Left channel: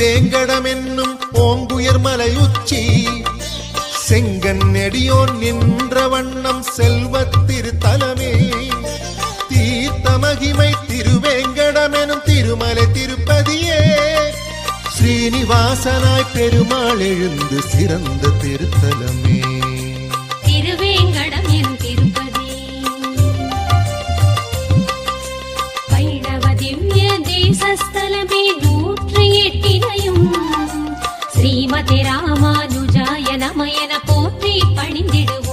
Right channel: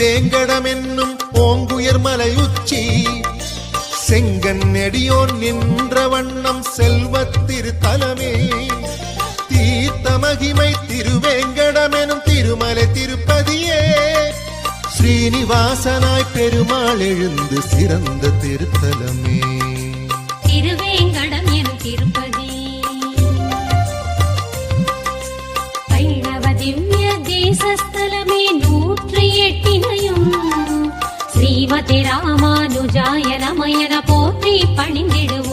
திருவேங்கடம் என்னும் ஓங்குயர் மலையுச்சி செங்கன் நெடியோன் நின்ற வண்ணம் செல்வத் திருத்தலமே தீர்த்த மகிமை திருவேங்கடம் எனும் திருமலை திருப்பதியே ஸ்ரீனிவாசனாய் பெருமாள் எழுந்து சிறந்த திருத்தலமே திருவேங்கடம் எனும் திருப்பதி வைணவ திவ்ய தேசஸ்தலமே 108 ஸ்ரீமதி ராமானுஜாய நமயன போற்றி பணிந்திடுவோம்.